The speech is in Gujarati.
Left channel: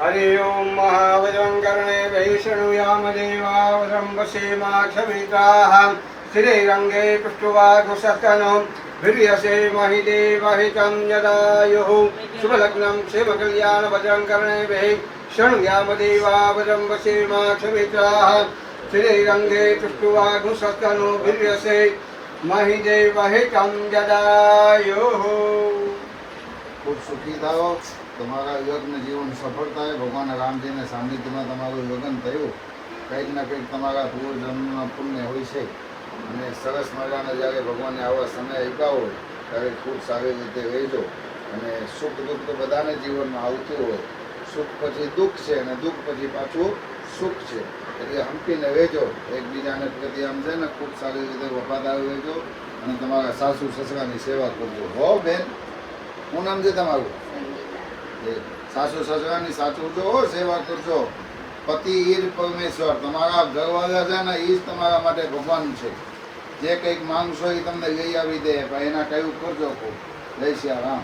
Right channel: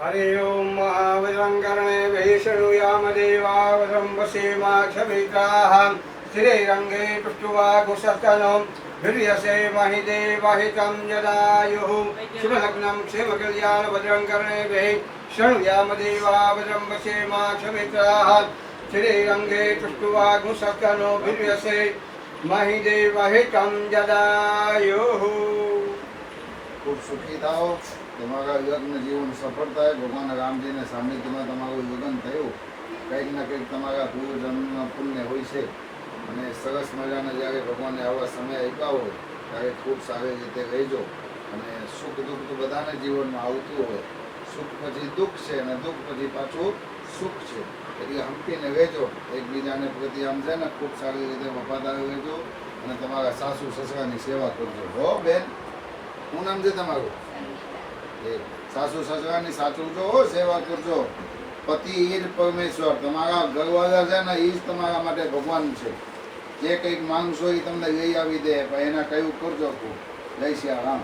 हरि ओम महावदं कर्णे वैष्णुयाम देवावदं वसेमाक्षभिताः श्रीरङ्गे पृष्ठवाघुसस्तनो वीर्यसे महिदेवहितं यदायुः शुभलग्नं क्षेमकल्याणभद्रं कर्णेभिः शृणुयाम देवावदं वसेमाक्षभिताः श्रीरङ्गे पृष्ठवाघुसस्तनो वीर्यसे महिदेवहितं यदायुः। खूब सुखी थाओ, તમારા યજ્ઞ જીવન સફળ થાય। ભગવાન રામજીને સાનિધ્યમાં તમારું લગ્ન થયું, કંઈક ને કંઈક તમારા પૂર્વજન્મના પુણ્ય હોય છે અને સરસ મજાને જ્યારે ભગવાનને આવા સમય આપ્યા હોય ત્યારે ખૂબ સારી રીતે રહેજો અને સુખ દુઃખ તો બધાને જીવનમાં આવતું હોય। સુખ પછી દુઃખ છે અને દુઃખ પછી પાછું સુખ છે, એટલે હંપીને રહેજો, એકબીજાને પ્રતિ આમ છે ને ખૂબ સારી રીતે વફાદાર રહેજો અને તમારા સાસુ સસરાની સેવા કરજો। હો બેન, શું નામ છે તમારું? સાસુ સસરાની સાચવજો, સેવા કરજો। પતિ એ જ પરમેશ્વર, તમારા ઘરવાળા છે ને એ જ તમારા માટે ભગવાન છે। જે કંઈક માંગશો એ તમને લઈ આવી દે, પણ એના કયું કરજો। જય શ્રી રામ।